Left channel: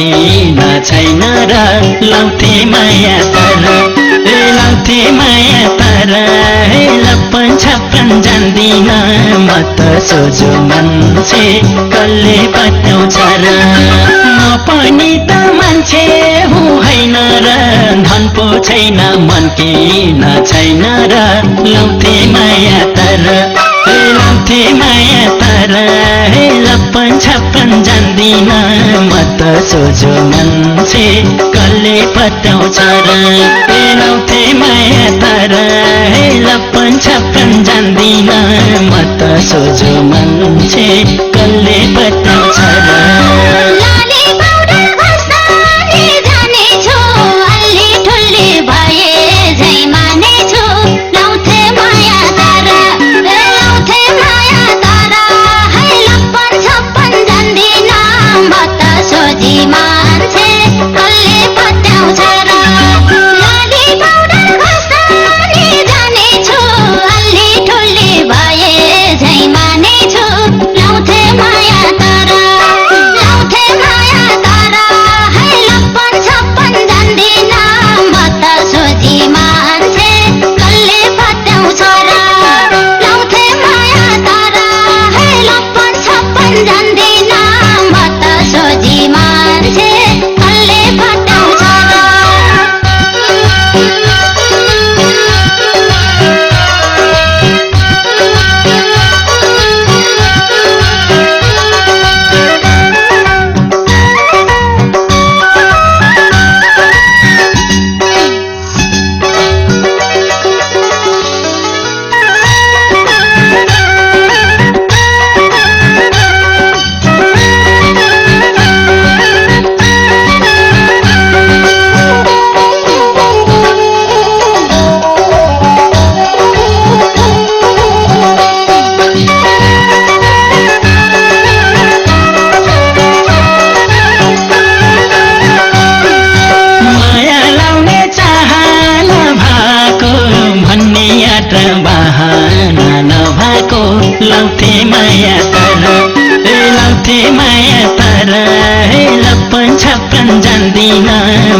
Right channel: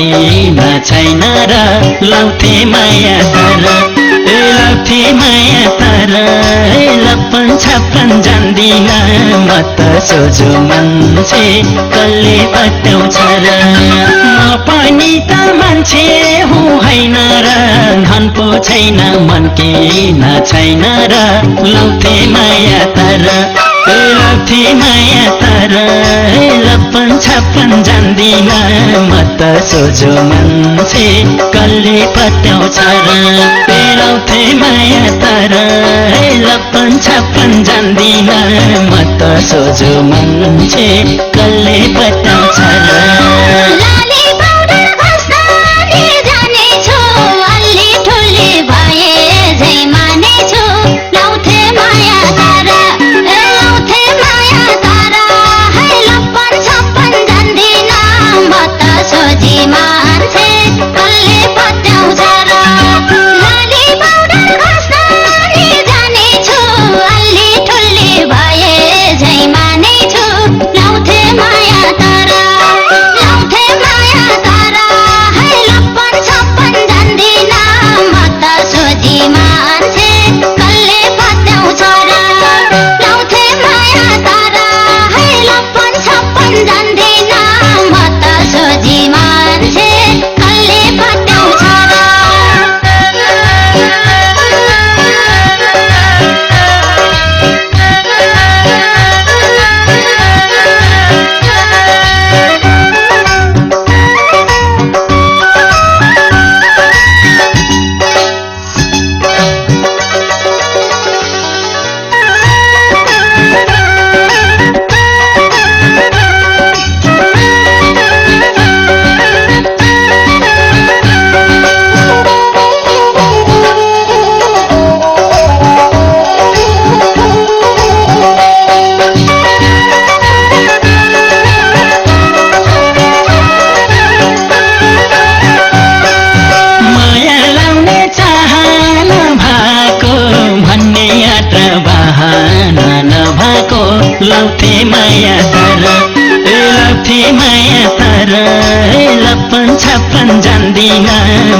किन छैन र लाउँथे माया तर लाउँथे माया तर लप्पन छप्पन जान्दिन म त सोझो मान्छे कसले बताउँछ र म पनि त मान्छे हुँ होइन र धन पो छैन मन किन छैन र लाउँथे माया तर लाउँथे माया तर लप्पन छप्पन जान्दिन म त सोझो मान्छे कसले पटाउँछ र लाउँथे माया तर लप्पन छप्पन जान्दिन म त सोझो मान्छे कसले पटाउँछ र लाउँथे माया तर लाउँथे माया तर लप्पन छप्पन जान्दिन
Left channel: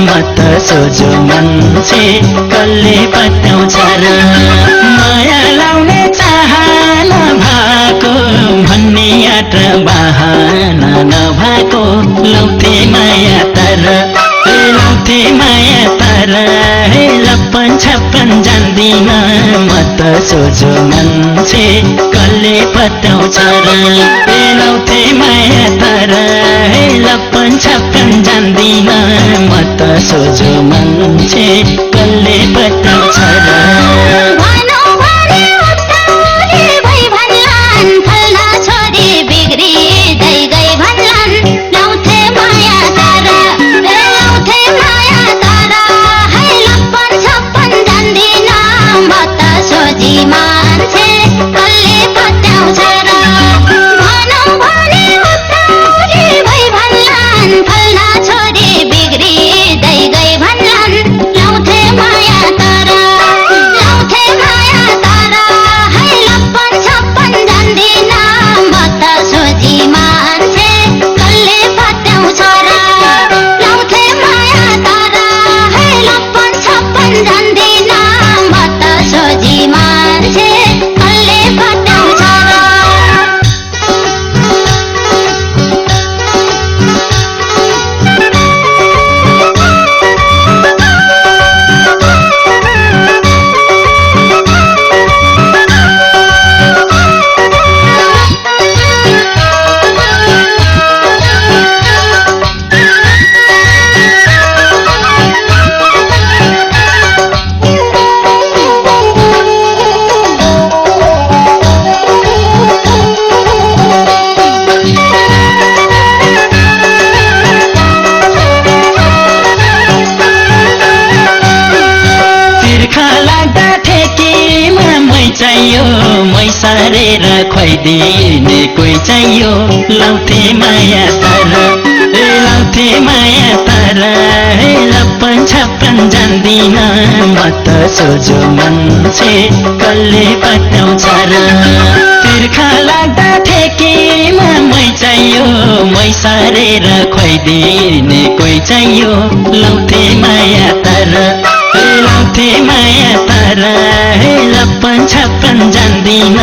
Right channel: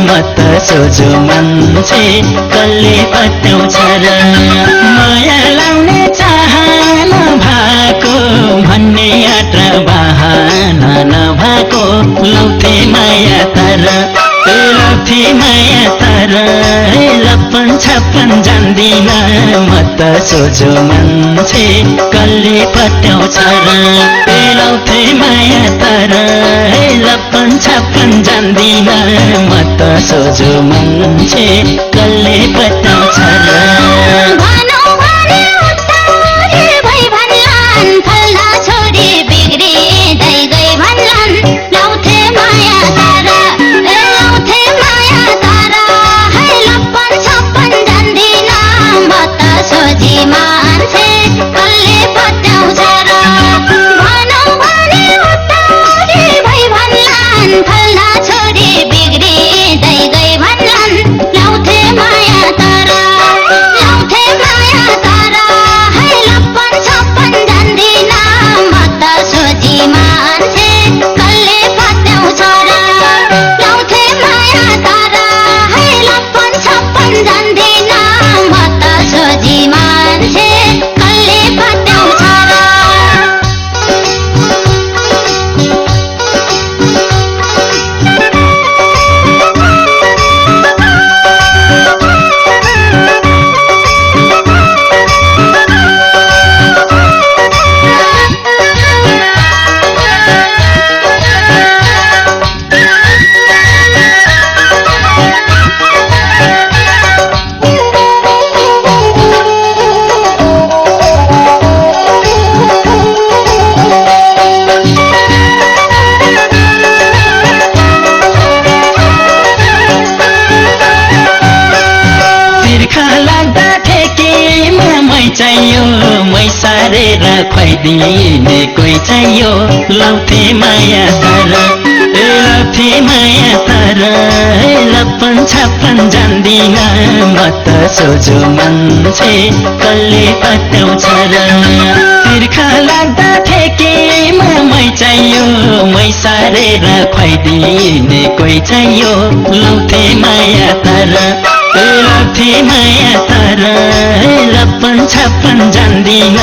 म त सोझो मान्छे कसले बताउँछ र माया लाउने चाहना भएको भन्ने आँट बहाना नभएको लाउँथे माया तर लाउँथे माया तर लप्पन छप्पन जान्दिन म त सोझो मान्छे कसले पटाउँछ र लाउँथे माया तर लप्पन छप्पन जान्दिन म त सोझो मान्छे कसले पटाउँछ र सारेर खुवाइदिने कोही चाहियो लाउँथे माया तर लाउँथे माया तर लप्पन छप्पन छाप्न जान्दिन म त सोझो मान्छे कसले पटाउँछ र तिर्खा लाग्दा ठेकीमा मै चाहियो मै सारेर खुवाइदिने कोही चाहियो लाउँथे माया तर लाउँथे माया तर लप्पन छाप्न जान्दिन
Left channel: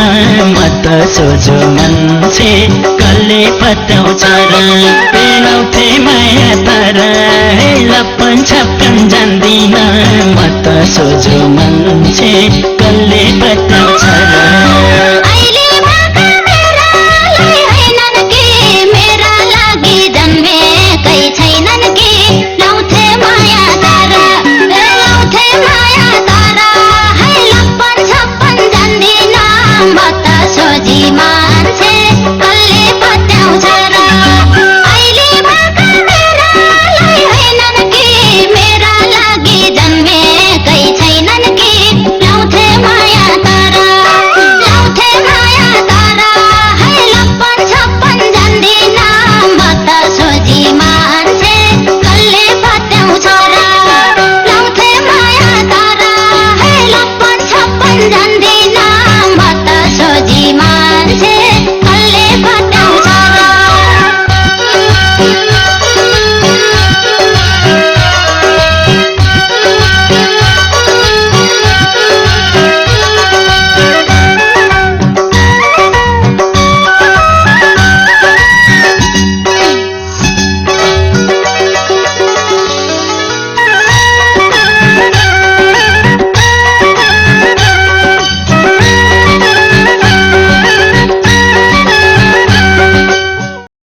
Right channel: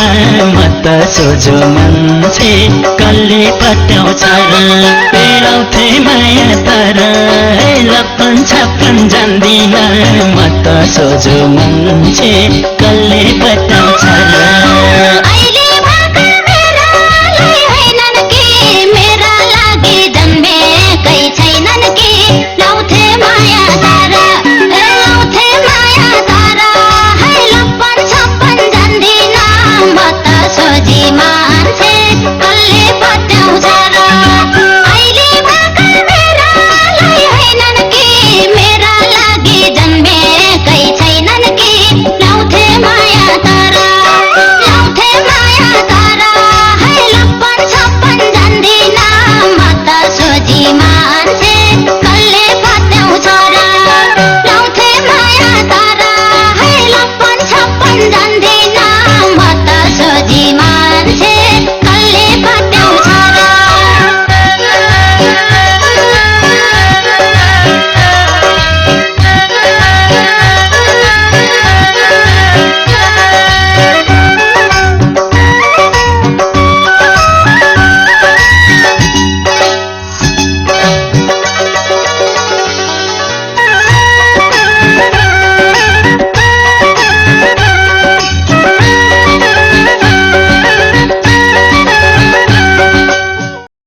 म त सोझो मान्छे कसले पटाउँछ र लाउँथे माया तर लप्पन छाप्न जान्दिन म त सोझो मान्छे कसले पटाउँछ